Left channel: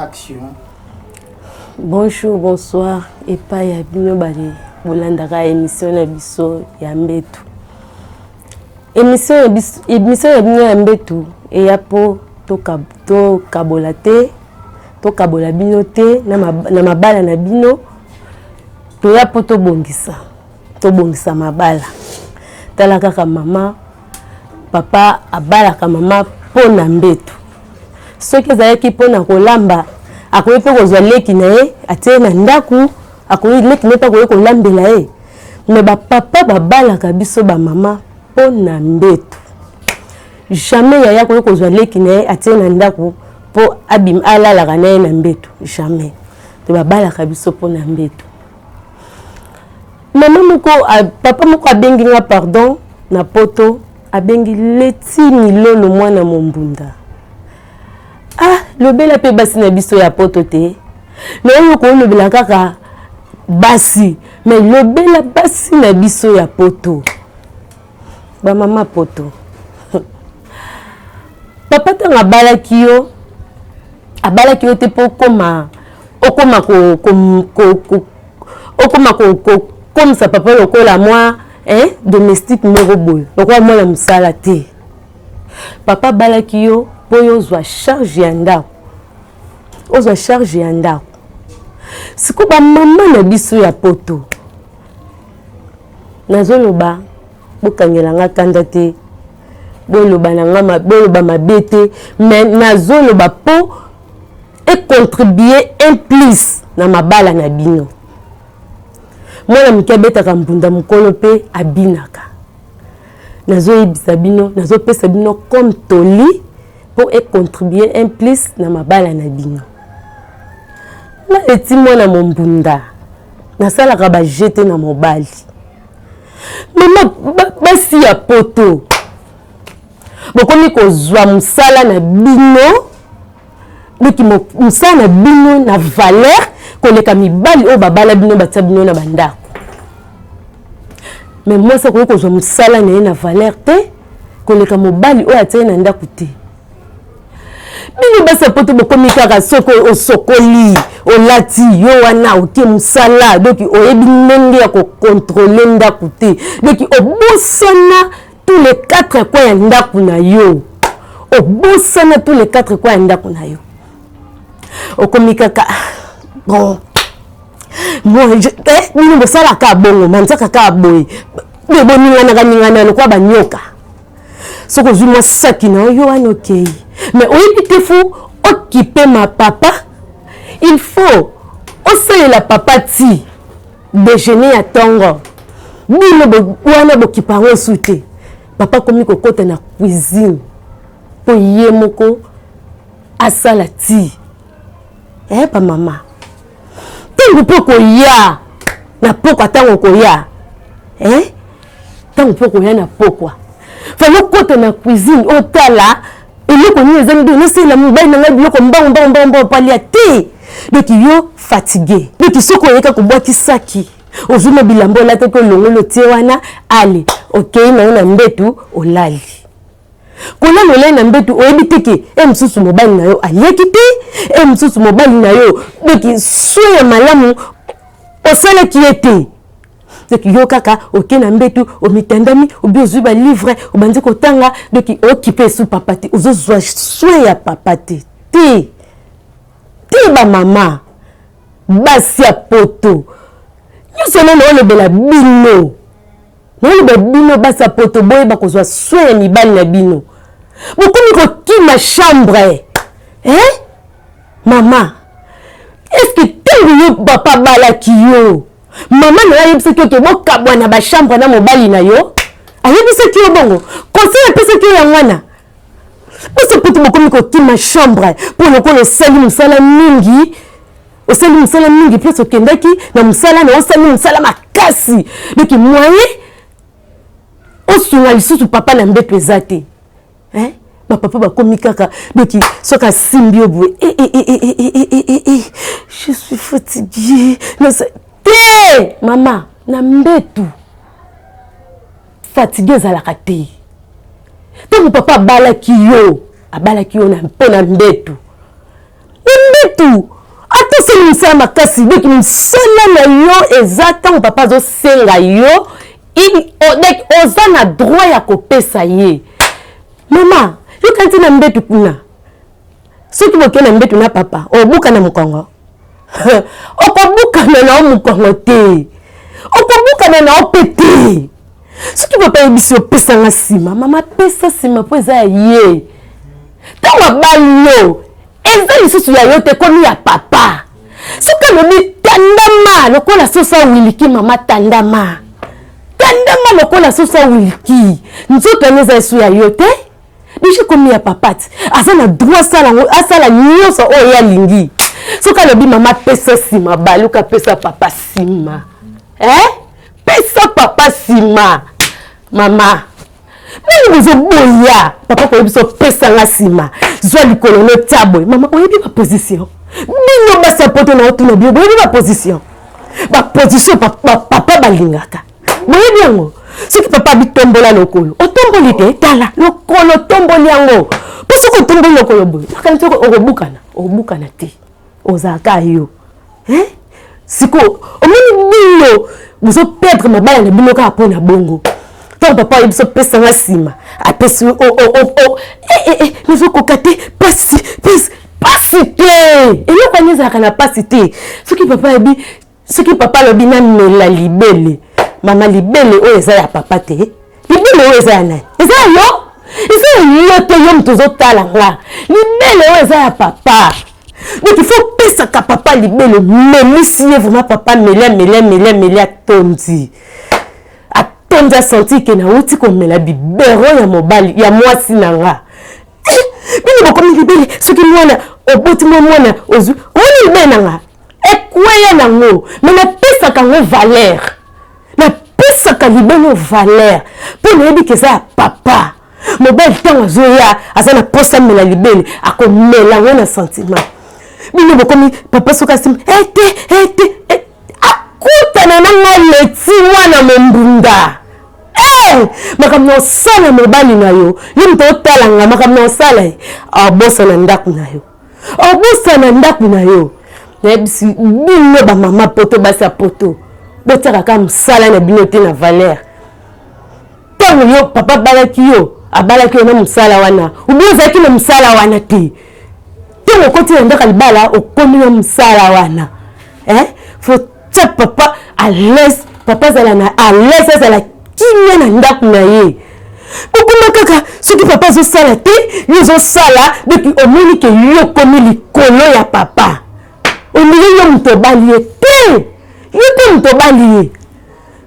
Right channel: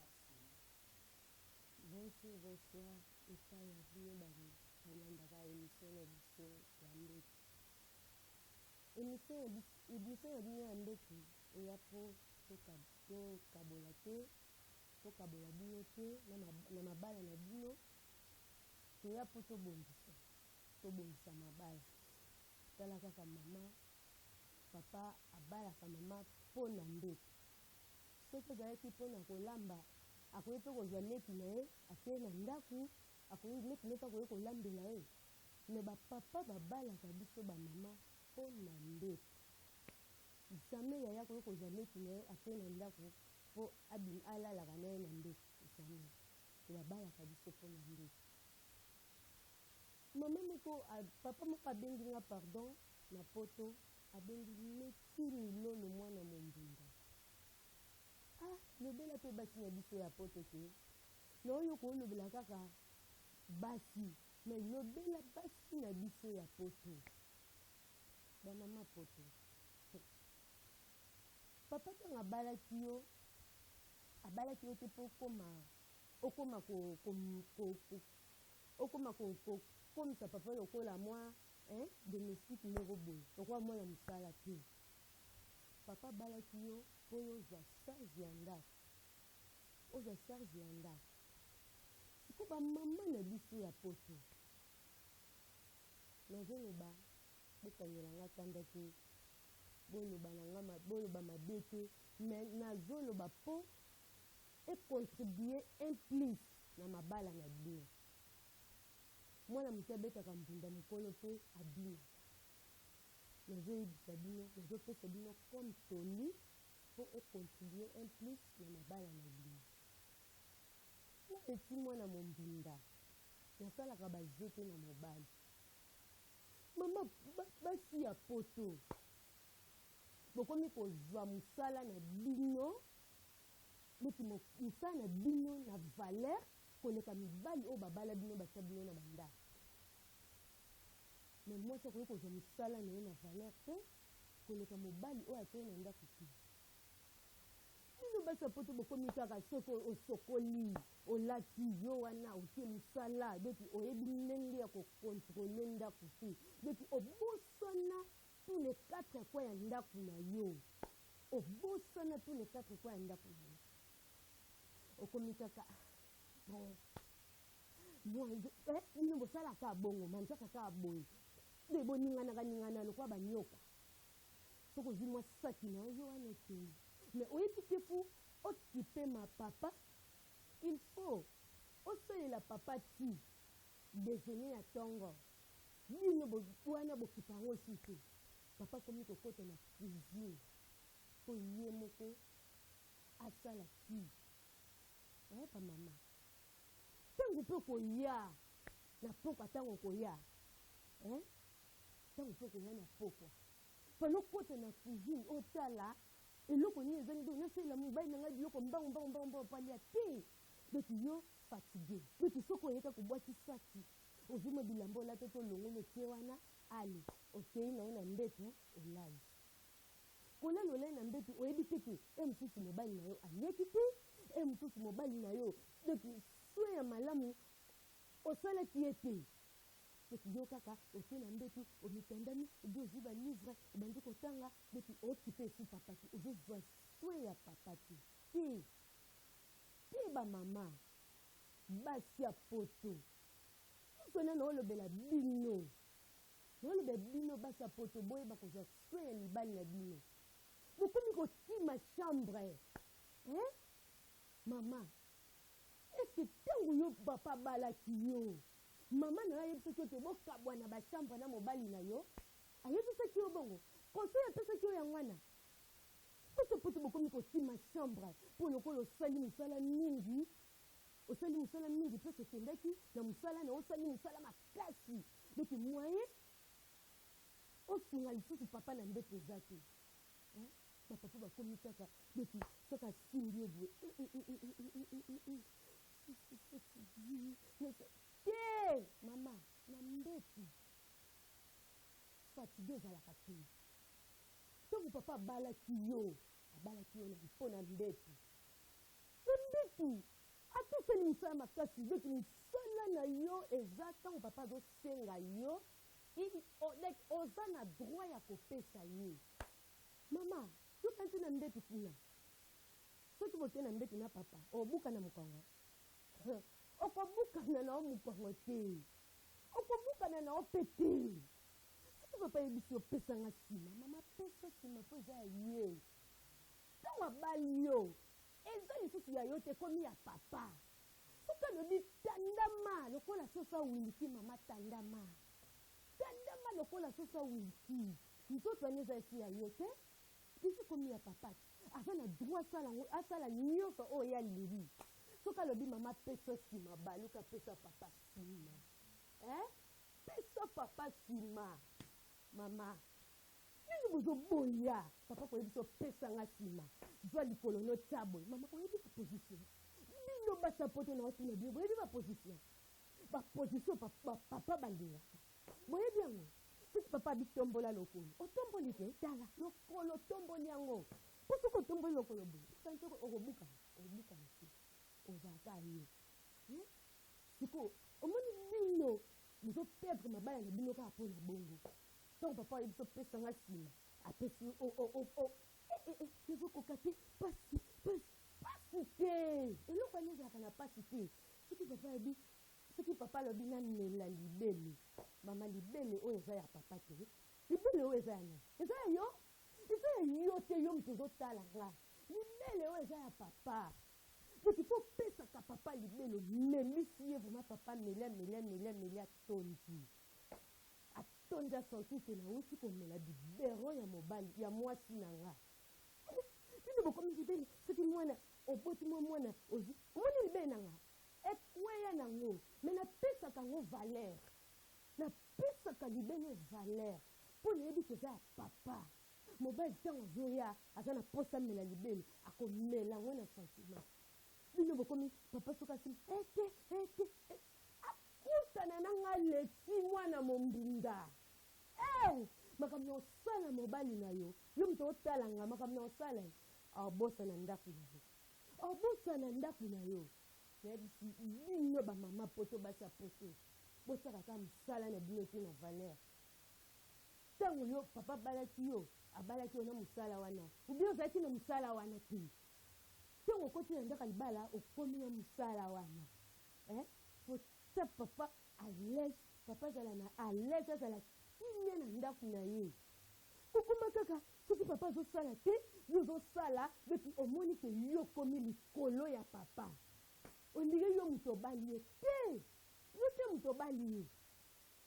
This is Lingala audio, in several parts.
Action. Bonjour, bonsoir. Et pas ya bino bari bolandaka émission na biso ya mbetu. Émission ya bino ya mbetu et ya po to kabola te, to kabola bino te na mabala na bino. To ya po to bongisa mabala. Tala kaka mama, papa abalaka mama po na mbetu. Soki ezalaki po na kolamba akoyi pe kozwa leki na ye atie na ndaku akoyi leki ne pa koyi kolambela ye me bapapa babalaka biso bamama po na mbetu. Jamais yaya koyi kozwa leki na ye atie na ndaku po abim alalaka na ye na mbetu. Jamais. Te babalaka biso po na mbetu. Mama moko papa moko abengi nga pardon na poto abengi leti milolo mwana mombunda. Ah, lobela pe basi na biso ya poto te. Mais oyo ko lobela kaka basi, mais lobela basi na biso ya poto. Ba mama poto. Papa tanga balaki yo te po koma comme ça papa lokola moi domestique moko boy. Lokola moi la musala te. Papa balaki yo po yo zwa charge ya ndako. Ozwa charge ya ndako. Siko ba mama na biso ya poto. Nazoloba bokangela nga kanda te. Boloba na nga boloba mabete, mais nazoloba po et contribuer un plus na mabala na bino. Mwana mke betaka mbunda mukolo pe abinaka. Nazoyebisa bino, nazopesa bino comme toli pour contribuer un plus na mabala na bino. Na eti mwana mombunda nasalaka ba jeter na mobali. Mama basi ya poto. Bokomi kozwa musala na bino. Biki musala na bino na valeur koleka mibali o babala bino batia bino na bandako. Mais moi ça kozwa musala na valeur te koleka mobali o atia na ndako te. Bino basa poto bokomi kaka soko osokoli olati yo wana otie musala donc oyebi ndenge ya ko contrôler ndako te. Donc obosana tous les 4 coins ya ndako na yo. Obosana tous les 4 coins ya ndako na yo. Okomi kaka bon. Moi bino bosala ka bongo manzaka ka boy. Bebo ningana lokwa banyoka. Soko zuma saki na yo wana okay. Mais oyebi te fou occuper ma papa. Il faut aussi la papa ti déjeuner à tongo. Bino wana bokipa ngo soute. Papa komi kokota na cuisine. Po ye moko asala ti. Pa mama. Tango poko ya na poko tango ko ya. Tango poko ya na poko. Falo kota na cuisine otala eloko ni ezangi no c'est la mobile na ngai biloko mbongo palia te. Donc yo fatigué. Donc soko yeka ko boki saki. Ozuma bilambo la te ko longolo tie wana ale. Okay na mbetu olali. Kona lolai na mbetu oyebi teke msusu mobile na yo alieki te msusu mobile na yo donc soya malamu osala kiete. Donc yo kaka oke na mbetu omitandami obi ozuba livre obandi kotanga donc occupé sous papa te ozozwa soya papa te ba mama basi ya poto nyonso na olobela bino na bino basi ya poto boye bakozwa soya mibali na bino. Bokomi kokima chambre. Mama, est-ce que tango yo papa balaki yo? Mama na yebisa ki ke bokabwa na ba chambre na mobali na yo? Ayebisa ki yo bongo. Conseil pesa ki ya mwana. Boso poto bokomi kokima chambre pour lokolo sali musala mingi. Osali musala mingi plus okendaki na musala na osali musala makasi. Donc moyen osunga lisusu papa na mbeto ezate. Ma papa ba komi kaka donc soka simbio boué je suis fatiguée non c'est maman na mbetu fatigué zalaka te tango papa abalaki yo na mbetu Mbetu atoseli msala makasi donc msala na yo ezata papa zo senga yo oza na droit ya kopesa ye mama yo kanti na mbetu kuna soki boke na mbetu na papa obuka na mukongo okobuka na mukongo te okobuka na opete soki papa yebisi opesa nga sima mama pesa sima po eza ye tango balo eza lisusu ya yo te komi ya papa soki alobi tandama lokola sosa wiliki mama tandama lokola sosa wiliki nzoto ane eza esu ya yo te deja komi ya papa ti aza na droit asala nyonso oyo alingi soki alobi mama pesa sima baluka pesa papa sima pesa papa sima mama nani bozoboya papa koyebi so pesa nga sima zwa likolo no taboy mama oyebi ba position bino basa poto na otuna bio oyebi ba position papa balingaka boyebi yango soki papa bitombola lokolo otomboli te tala lokolo tomboli yango po soki otomboli lokolo boye makanisi okobukana te ozalaka yo siko omoni bino bozoperdre mabala na bino kaka mpo na bongo tant papa il se pesa nga sima apesi nizokoka te pasi te eloko ani ezalaka na pasi te soki papa alobi namela libele mama libele oyo eza ya papa te libele oyo eza ya nani eza yo te yo moto ozotala nga libele oyo eza ya papa donc il faut pesaka papa libele melisi ye vraiment papa mele atondi tonza senti ke na uti komela bibero ya mobali ya mwasi na nga bino bokomi libele soki mwana oboti mwana ozu oni libele na nga ekweya nango me napesaka ngo valeur napesaka libele valeur mpo nayebi ke eza ya papa mobali ntango azoya aza na posa mela libele akomela ngo na sentiment bino bokomi papa soki asima ete akutana na nga leti mwana mombunda makambo osala mobali na yo moto otalanga makambo osala abosa na ndako na yo nayebisi bino bamama poto basa poto botiaka kaka mosala na bino te na valeur ntango yo papa abalaki yo na mosala wana obi ozalaki na mosala wana te ntango okoti na ndako libala okomi na mosala wana faut tia papa à l'aise papa azala na à l'aise azala kimia na ndako na ye kokoma kaka soki papa azosala te yo ozosala donc omoni ke yo komi likolo ya papa ondiri yo moto obali ye te yo te moto obali ye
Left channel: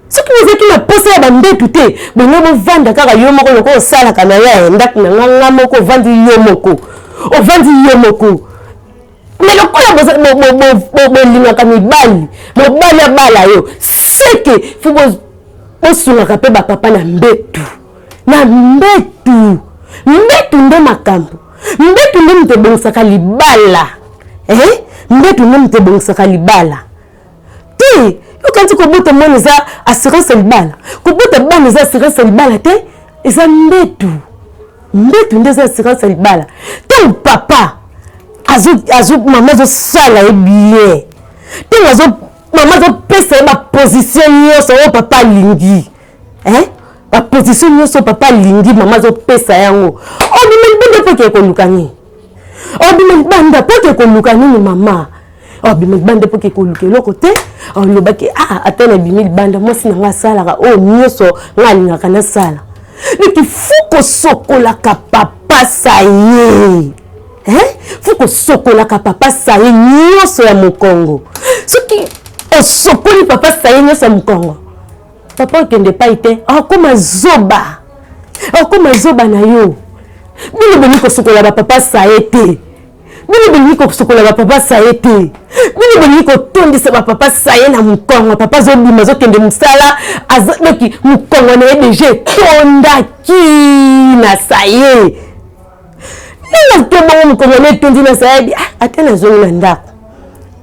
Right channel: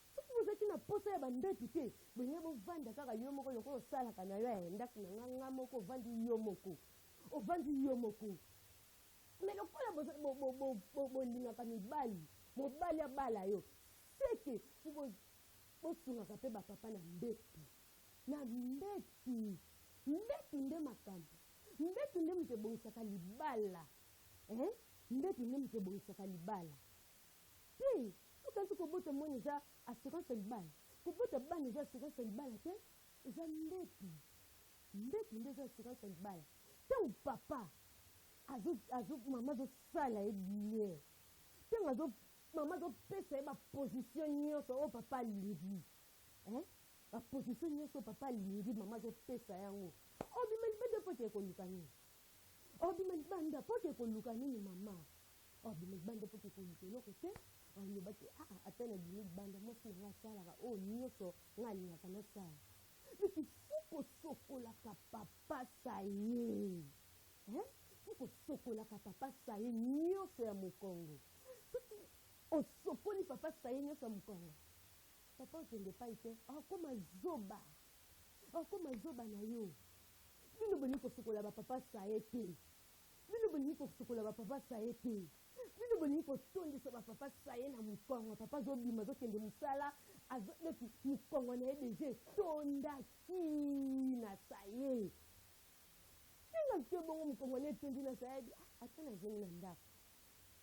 soki ozaki na posa ya bambetu te bongo bovanda kaka yo moko loko osalaka na ya ndako na nganga moko ovandi yo moko mais lokola bolingaka mobali abala yo seke fo bosungaka mpe bapapa na mbetu nde makambo mbetu nde moto ebongisaka libala mbetu nde moto ebongisaka libala te yokanti kobota mwana eza assurance libala kobota bana eza assurance libala te eza mbetu nde eza assurance libala ntango papa mama azosala ye bien ntango mama azopesa ye baposition nyonso oyo papa alingi baposition nyonso papa alingi mama azopesa yango obima libanda mpo ke koluka nini obima libanda mpo ke koluka nini mama obima libanda mpo ke koluka eloko te olobaki ata na bimi libanda mwasi na nga asalaka oyo nyonso nga alingaka nasala donc fu kosokolaka papa saye fu kosokolaka papa saye nyonso ya mokongo soki osokoli papa saye nyonso ya mokongo papa okende pai te akoma zoba na yo bino bolingi kosokola bapapa saye te bino bolingi kosokola bapapa saye te bino bolingi kotondisa bapapa saye na mokongo papa azobima azokende mosala azoki mokongo na ye deja etondaki na saye nanga tobongo mokongo na etondi na saye ata nazongi na ndako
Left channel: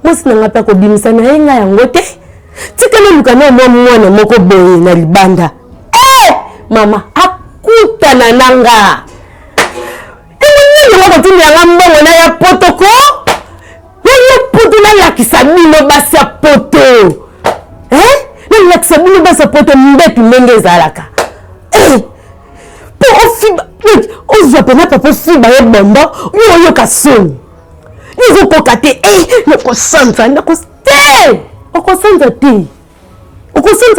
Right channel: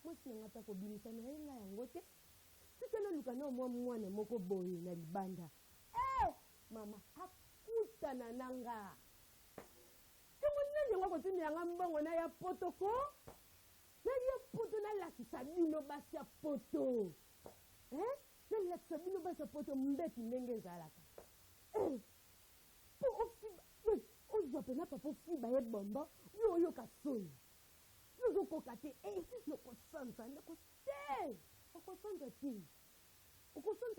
mwasi nanga mpe akobimisa na ye nga yango te tikana luka na mwana moko boye na libanda mama akutana nanga nini moko tindi yanga mbongo na ya potoko nalakisa bino basi ya poto nalakisa bino basi ya poto mbetu ndenge ezalaka po ofiba ozwa pena papa ofiba ye bombo yo oyoka soni izokoka te nakosanza okosanza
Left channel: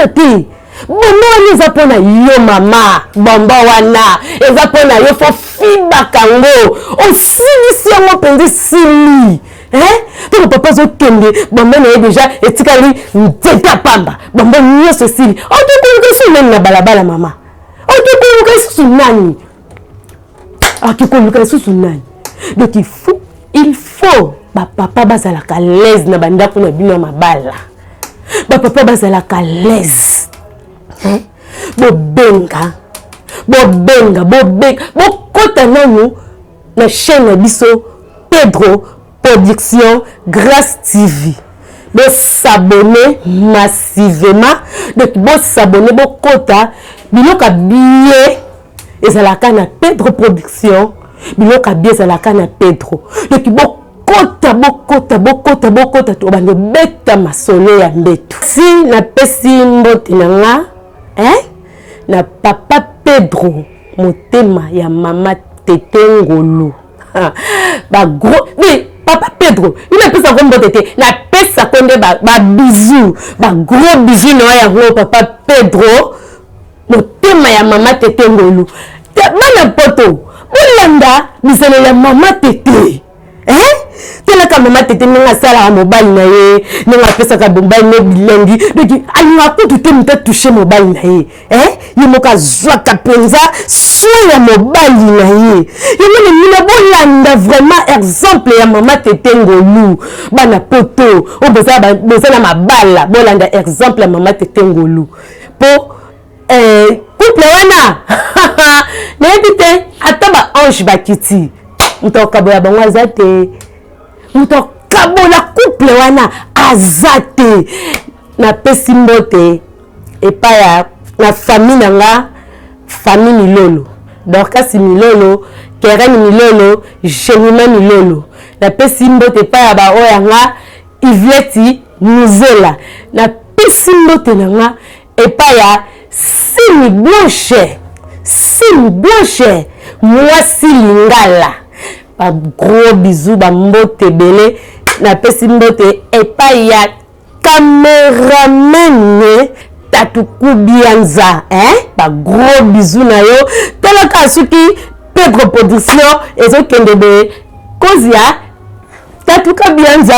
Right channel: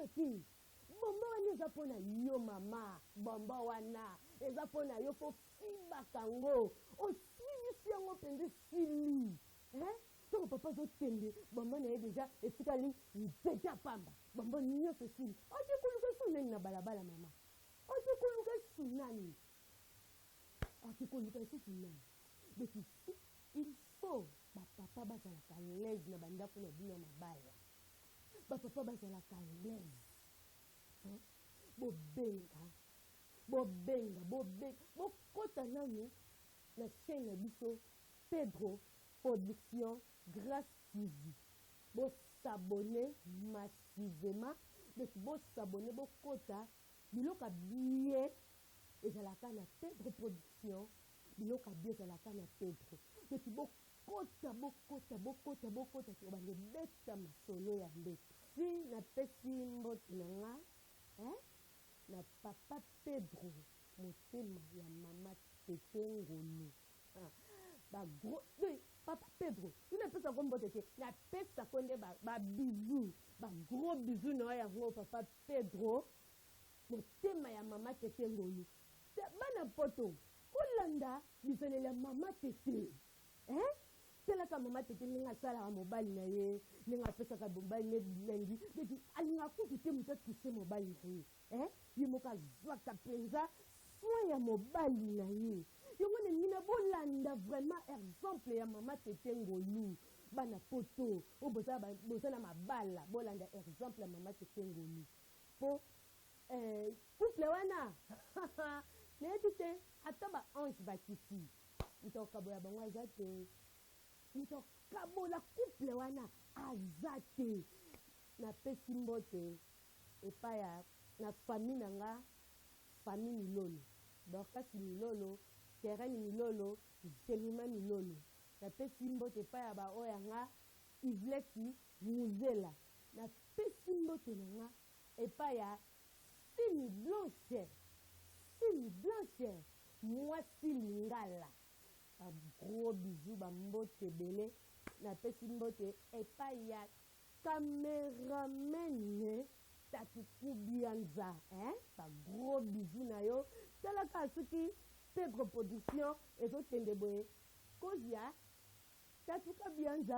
te bombo wana eza mpona yo mama bombo wana eza mpona yo fo fibaka ngo osilisi yango mpenza esili toko papa azokende bombo na ye deja etikali nzete ya pamba bombo nyonso esili otokoluka esu nani na balabala mama otokoluka esusu nani akikoluka esusu nani donc il faut bapapa bazalaka l'aise na bandako na bino ya mabala bapapa bazalaka l'aise bobenga bokota nanu na chaîne na biso Pedro Production Grâce TV s'abonner massivement donc s'abonner bokota biloka billet ezalaka na Pedro Production biloka billet ezalaka na Pedro donc bokota to bando beta masolo ya mbetu si na pesi mbote nanga na papa Pedro motema ya mama Tete Ngolu ba gros mais papa Pedro il a pesa ko mbote te na pesa konde ba bisou ba gros bisou no ya gros papa Pedro motema ya mama Tete Ngolu bana poto bolanda bisele ya mama Tete tela ka mama Tete nga sala mobile na ye nga pesa ka mobile ne bilengi donc alinga kutu te muta toucher mobile na ye yemoka zwa ka penza soya mobile na ye yemone mina bolanda vraiment exemple ya mama Tete Ngolu bana poto o boza na mabala bolanda exemple ya mama Tete Ngolu po couple wana na ebite ataba ange bakiti mutokaboya bango azate mutokabola couple wana azate na pesi mbote epaya na famille nanga famille Milolo Dorcas Milolo Keren Milolo Jenima Milolo na pesi mbote epaya ba oyanga Ivleti Muzela na pesi mbote nanga epaya Sini Blanche Mwasi Lingala ba gros bisous ba mbote belé na pesi mbote epai ya cameraman Tatuku Bianza ba gros bisous na yo tala kasuki Pedro Production ezokende be kozia Tatuka Bianza